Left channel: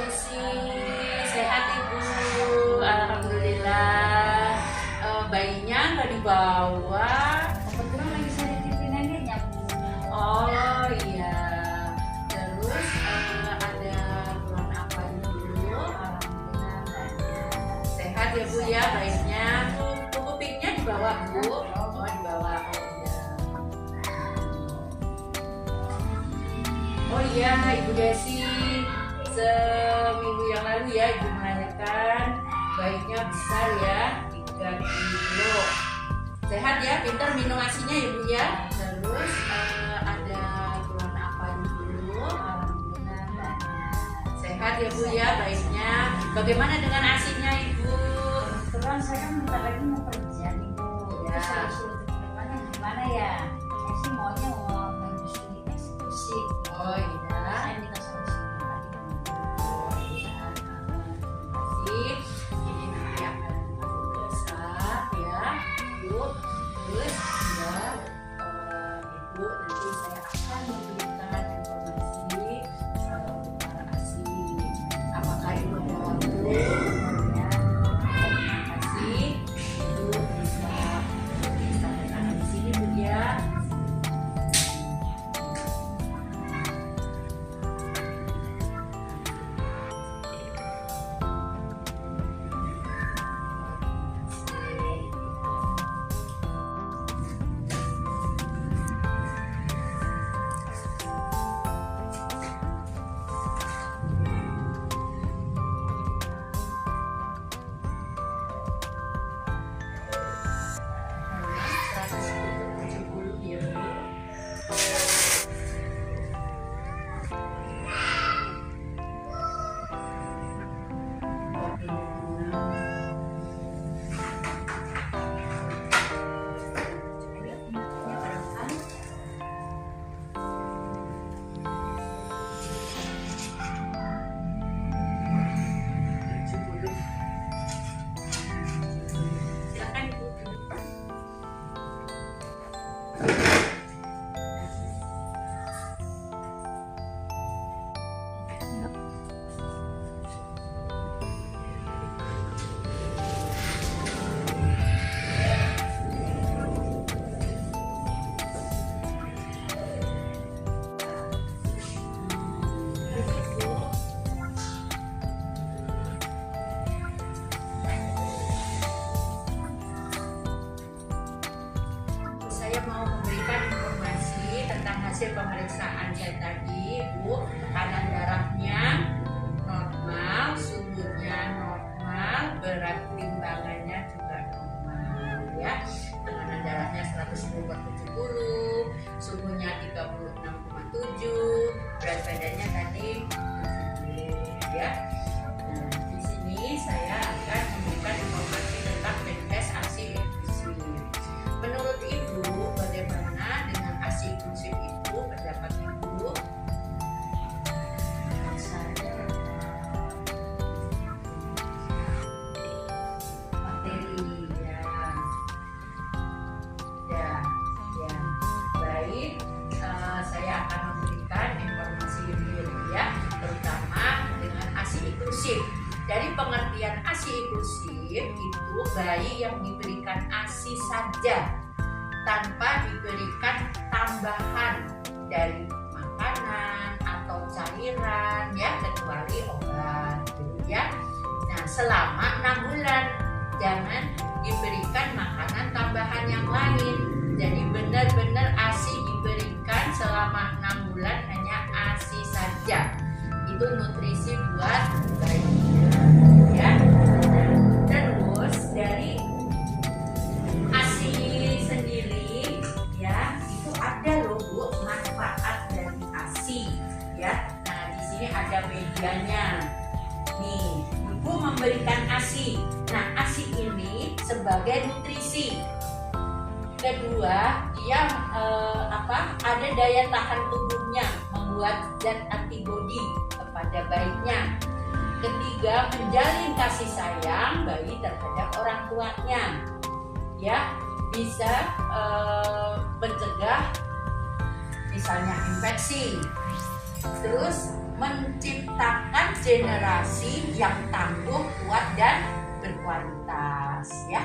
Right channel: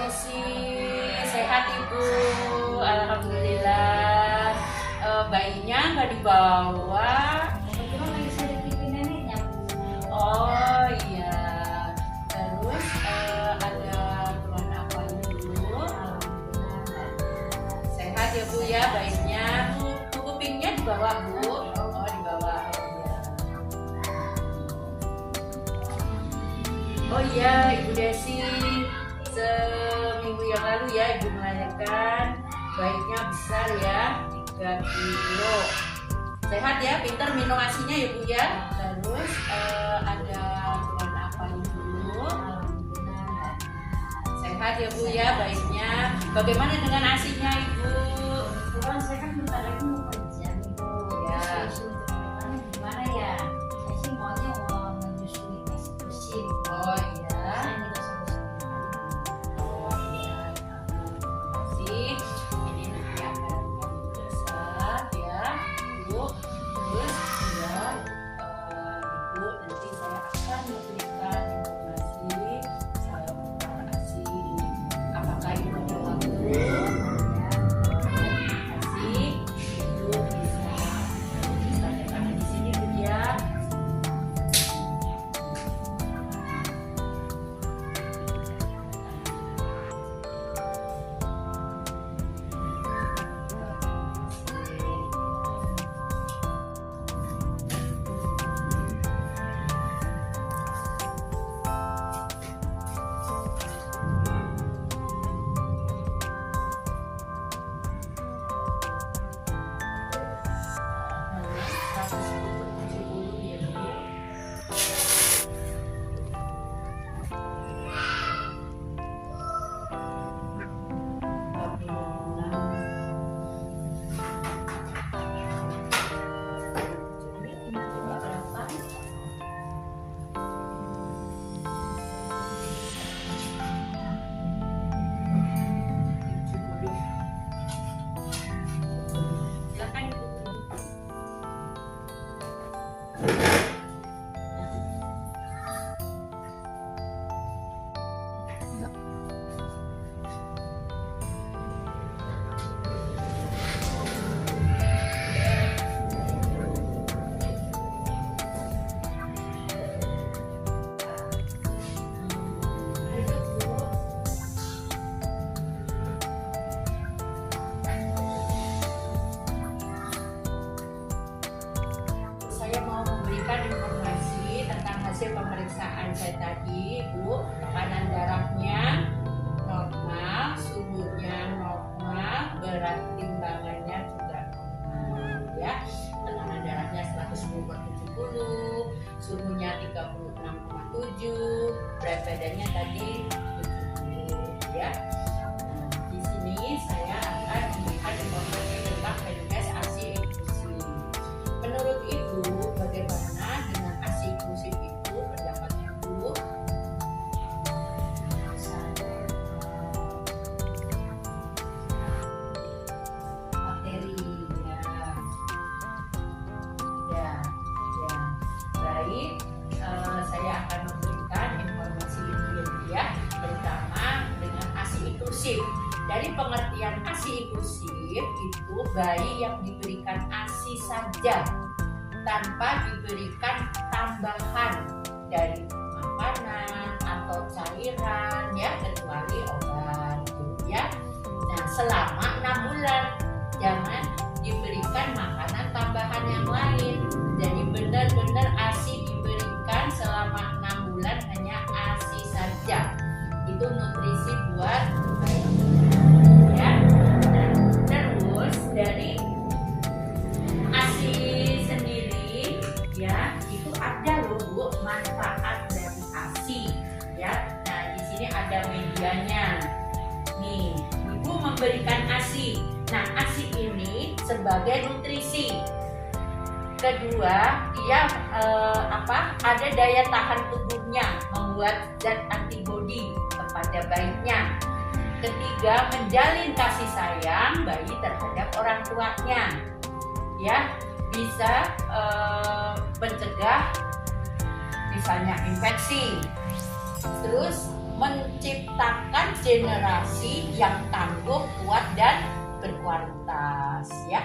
Desi, sehat Ibu? Alhamdulillah. Bayinya nggak dibawa? Kebetulan lagi saya titipin neneknya. Oh iya. Terus ada keluhan apa dulu? Sehat ya Bu ya, bayinya. Bu, kupingnya dibawa Bu? Oh dibawa. Oh iya Ibu Desi. Seminggu yang lalu ya Ibu menanyakan bayinya besar ya 3 kilo. Sehat ya, pintar minum asinya ya Bu ya. Terus ada keluhan apa dulu? Sehat ya Bu ya bayinya. Bagaimana dengan asinya Ibu? Kebetulan saya kan bentar lagi mau kerja nih Bu. Ya. Gimana ya? Saya sih maunya mau menyusui eksklusif. Oh iya. Saya minta solusi Sih, ini nanti akan besar ya, Bu. Terus juga Ibu nanti saya akan memberikan informasi apakah Ibu ada waktu ya. Terima kasih. Ibu bisa datang di sini Bu ya. Silakan Ibu. Saya mau memberikan informasi tentang hasil pemeriksaan saya tadi, Bu. Tekanan darahnya normal, suhunya normal, berat timbangannya juga normal, ya. Tekanan darahnya 110/70, suhunya 36,7, berat badannya tadi 70, ya. Nah, di sini saya akan memberikan informasi tentang Menkes ASI inklusif. Menurut Ibu, bagaimana dengan ASI inklusif itu? Pendapat Ibu? materi. Ya, ya, ya. Baik, saya akan memberikan informasi ini dulu ya, terutama dengan ASI inklusif. Dari pengertian ASI inklusif itu bayi yang diberikan ASI saja tanpa diberikan tambahan dari makanan atau cairan ya, kecuali obat ya. Nah, selama 6 bulan jangan diberikan makanan tambahan yang lain. Jadi benar-benar ASI diberikan selama 6 bulan, hanya ASI saja. Itu nutrisi buat bayinya ya. Nah, terus dari ASI sendiri ya, itu ada loh Bu manfaat dari ASI ya. Nah, di sini ada medianya. Nih, Ibu memberikan ASI. Nah, ASI ini sebagai nutrisi. Kedua, dia ada daya tahan tubuhnya, membuat zat antibodi kepada bayinya. Ketiga, menjalin kasih sayang bayi terhadap orang tuanya. Ya, bisa mencegah misalnya infeksi. Terus menciptakan konsentrasi yang tangguh, kuat dan berkualitas ya.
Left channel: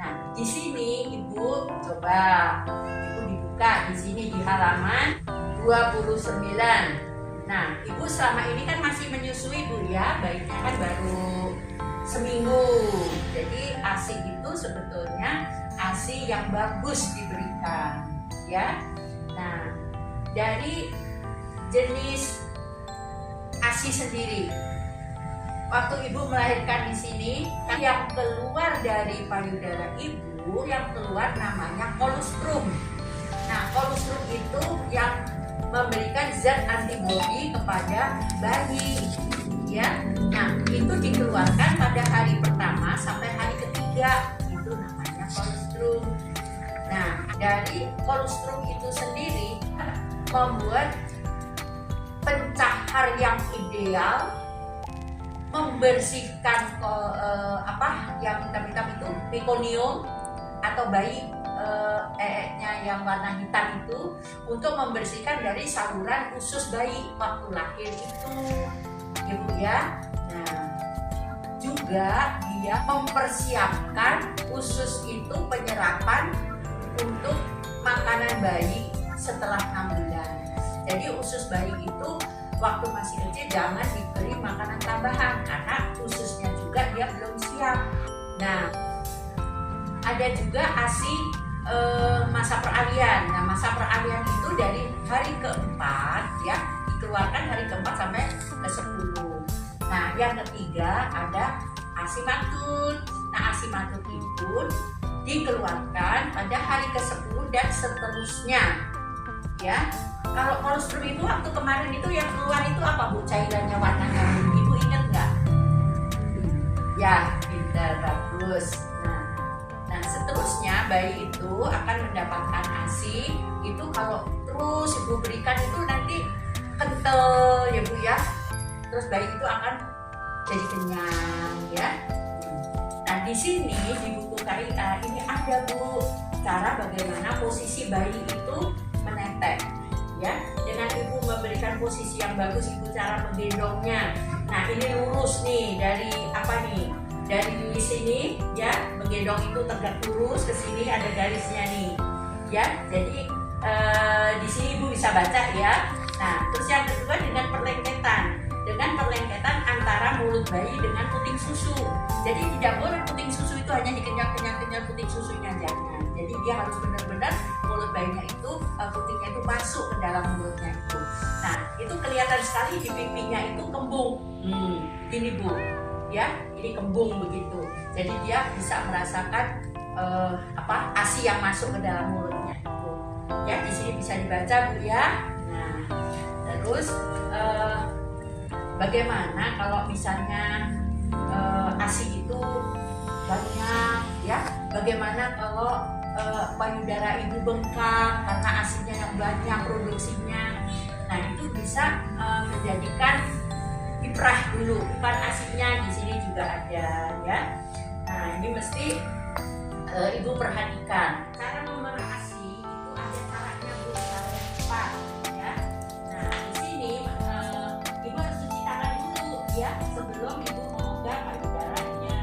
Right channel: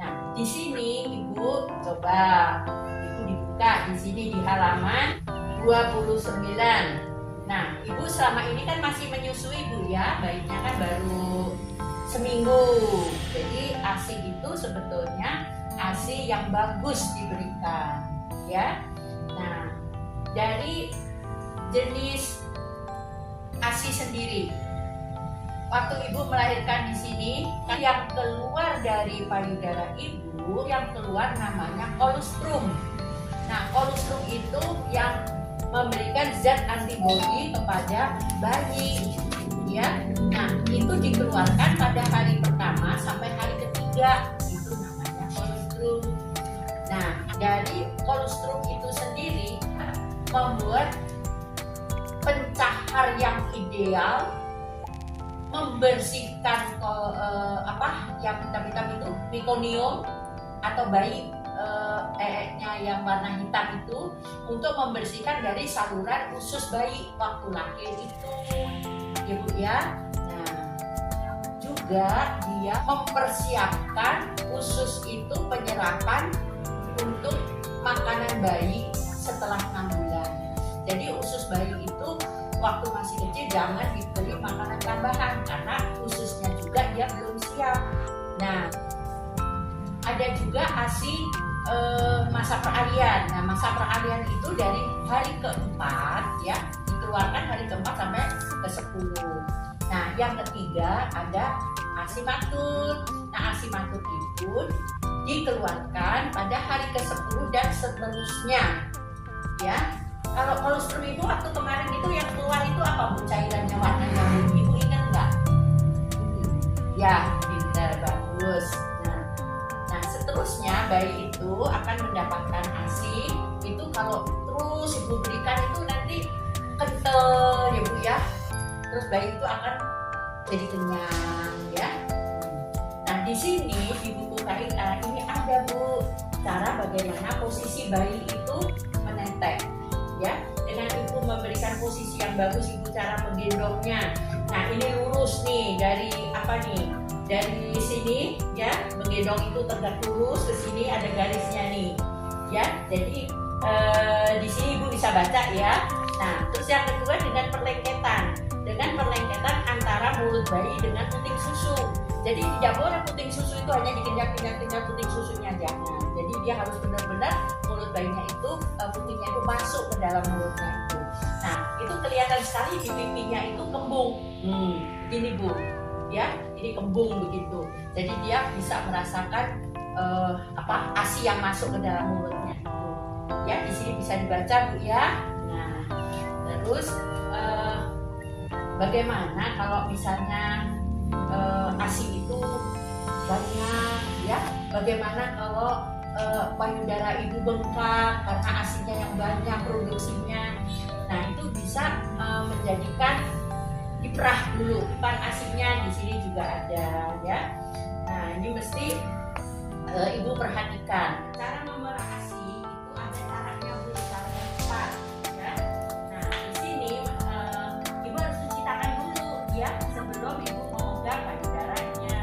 Nah, di sini Ibu coba Ibu dibuka di sini di halaman 29. Nah, Ibu selama ini kan masih menyusui Bu ya, bayinya kan baru seminggu. Jadi ASI itu sebetulnya ASI yang bagus diberikan ya. Nah, dari jenis ASI sendiri, waktu Ibu melahirkan di sini, yang keluar dari payudara Ibu yang keluar namanya kolostrum. Nah, kolostrum itu yang memberikan zat antibodi kepada bayi ya. Nah, itu dikeluarkan pada hari pertama sampai hari ketiga, itu namanya kolostrum. Nah, dari kolostrum itu sendiri membuat pencahar yang ideal, membersihkan yang hitam-hitam itu mekonium atau bayi yang warna hitam itu, untuk membersihkan dari saluran usus bayi waktu lahir itu ya Bu ya. Nah, juga dia mempersiapkan usus itu penyerapan untuk makanan bayi setelah 6 bulan. Jadi usus bayi itu waktu masih kecil jangan diberi makanan tambahan karena ususnya juga dia belum siap. Nah, ada juga ASI masa peralihan. Nah, masa peralihan itu dari hari keempat ya, dikeluarkan hari keempat sampai ke 10. Nah, yang ketiga ada ASI matut. Nah, ASI matut itu dikeluarkan pada hari ke-10 dan seterusnya ya. Kalau kolostrum itu waktu kemarin itu yang keluar itu apa Bu? Cairannya warnanya Ibu ingat nggak? Ya, benar, bagus. Nah, seterusnya bayi itu akan mendapatkan ASI itu kalau terus Ibu berikan itu nanti kental ya Bu ya. Terus bayi itu akan jadi kenyang ya. Nah, di sini di buku KIA ini ada Bu cara bagaimana posisi bayi itu menetek ya. Dengan Ibu memberikan posisi yang bagus, Ibu cara menggendongnya. Nah, ini lurus nih dari apa nih? Dari sini ya, menggendong itu tegak lurus, ke sini ada garisnya nih ya. Jadi di sini Ibu bisa baca ya. Nah, terus yang kedua dengan perlengketan antara mulut bayi dengan puting susu. Jadi tidak boleh puting susu itu hanya dikenyang-kenyang puting susunya, jangan. Jadi dia harus benar-benar mulut bayinya itu putingnya itu masuk ke dalam mulutnya itu. Nah, itu kelihatan sekali di pipinya itu kembung. Ini Bu ya, ini kembung begitu. Jadi dia bisa merasakan ASI yang masuk ke dalam mulutnya. Ya, di sini bisa dibaca Bu ya. Nah, terus bagaimana kalau misalnya ASI itu banyak ya? Bagaimana kalau payudara Ibu bengkak karena ASInya yang banyak produksinya? Nah, itu bisa menjadikan diperah dulu, kan ASInya di sini juga ada ya. Nah, ini mesti Ibu perhatikan. Cara memerah ASI itu ada caranya Bu, caranya cepat ya. Nah, di sini Ibu harus cuci tangan dulu ya sebelum Ibu memegang payudaranya.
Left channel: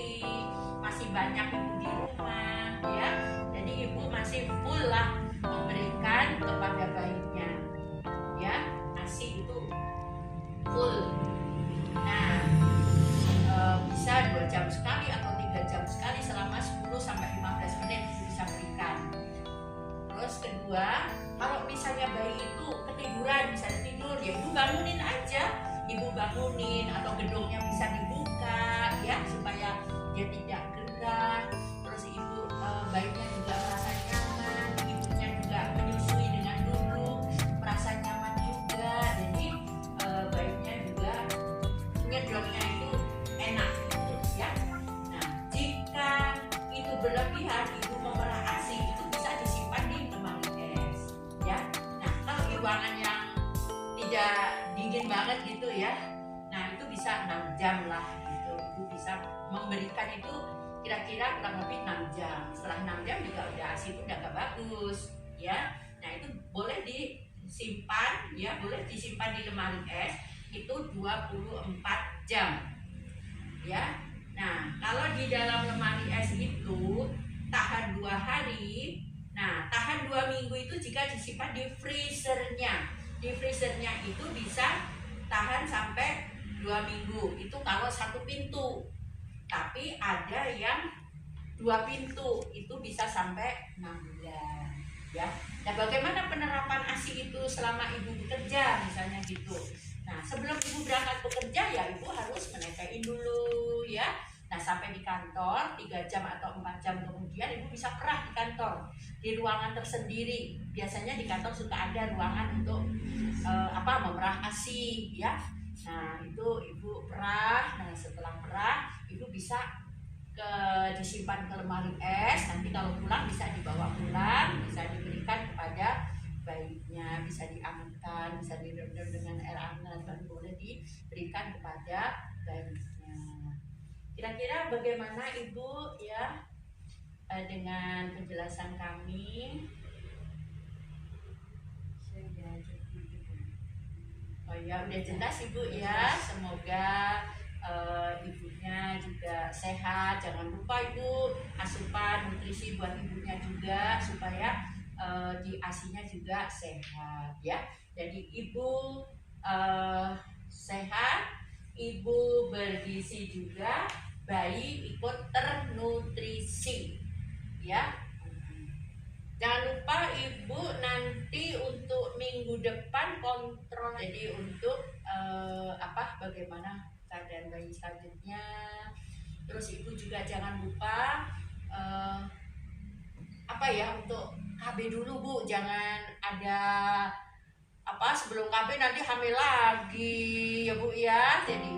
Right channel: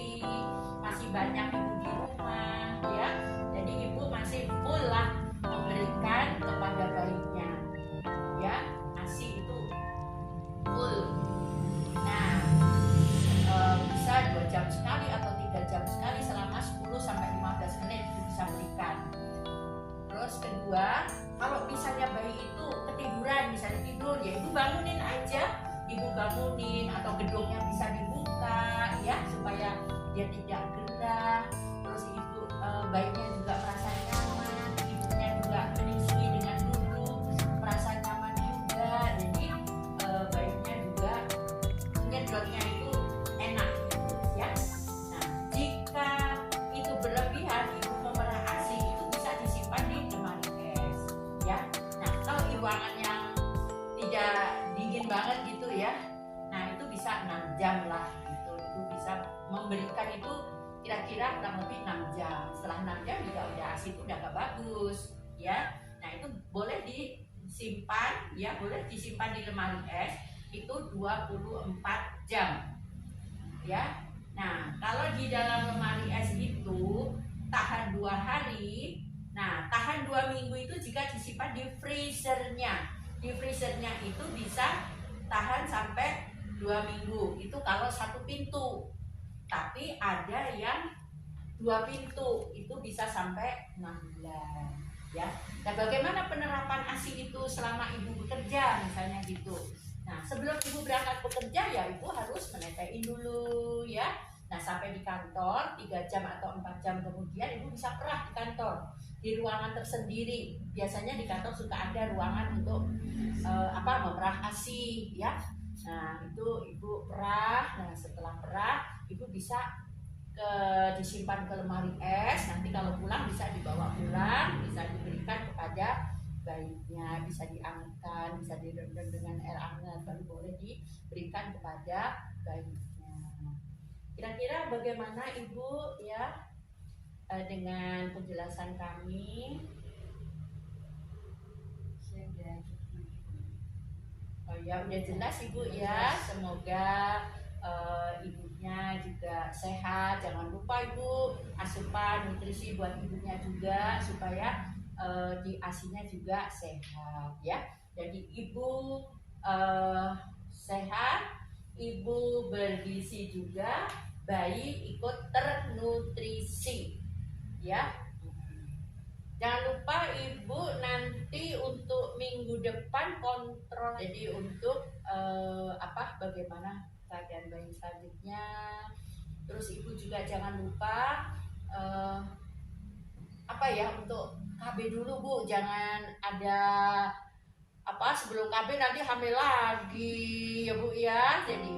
sendiri, masih banyak ibu di rumah ya, jadi ibu masih full lah memberikan kepada bayinya ya, ASI itu full. Nah, bisa 2 jam sekali atau 3 jam sekali selama 10 sampai 15 menit itu bisa berikan. Terus kedua, kalau misalnya bayi itu ketiduran, misalnya tidur, ya ibu bangunin aja, ibu bangunin atau gedungnya bisa dibuka ya supaya dia tidak gerah. Terus ibu bayinya juga merasa nyaman, ibunya juga menyusui dengan dulu merasa nyaman juga, jadi bayinya juga ngedongnya itu enak ya. Nah, jika itu berlebihan, ibu memerah ASI itu bisa disimpan di lemari es ya. Nah, kalau di ruangan yang tidak dingin banget gitu ya, nah itu bisa 6 jam lah gitu. Ibu bisa memberikan itu kira-kira kurang lebih 6 jam. Setelah 6 jam juga udah ASI itu udah gak bagus ya. Nah, itu boleh disimpan ya, boleh disimpan di lemari es itu 24 jam ya. Nah, kalau di dalam lemari es itu tahan 2 hari, nah tahan 2 minggu itu jika disimpan di freezernya. Di freezernya itu bisa tahan sampai 2 minggu, itu kalau 1 pintu. Tapi ada yang 2 pintu, itu bisa sampai 6 bulan ya. Nah, bagaimana penerapan ASI itu selama ibu bekerja misalnya gitu. Nah, sebelum ibu berangkat bekerja ya ibu harus menetein dulu ya. Nah, sampai di kantor 3 jam atau 4 jam kemudian ibu bisa perah di kantor, di ruangan tersendiri. Biasanya di kantor suka ada ruangan untuk memerah ASI ya. Nah, itu ibu perah. Nah, setelah perah ibu bisa disimpan ke lemari es. Nanti kalau pulang bisa dibawa pulang, bisa diberikan kepada bayinya, bisa diangetkan, bisa direndam dengan air hangat, baru boleh diberikan kepada bayinya. Kira-kira bagaimana ibu ya dengan penjelasan kami? Oh ya, udah jelas ibu ya. Semoga ibunya juga sehat. Jangan lupa ibu asupan nutrisi buat ibunya juga supaya di ASINya juga sehat ya. Jadi ibu sehat, ibu bergizi juga, bayi ikut ternutrisi ya. Jangan lupa ibu nanti untuk minggu depan kontrol. Jadi untuk bagaimana keadaan bayi selanjutnya. Terus ibu juga jangan lupa untuk KB dulu bu. Jangan ada sebelum KB nanti hamil lagi ya bu ya. Jadi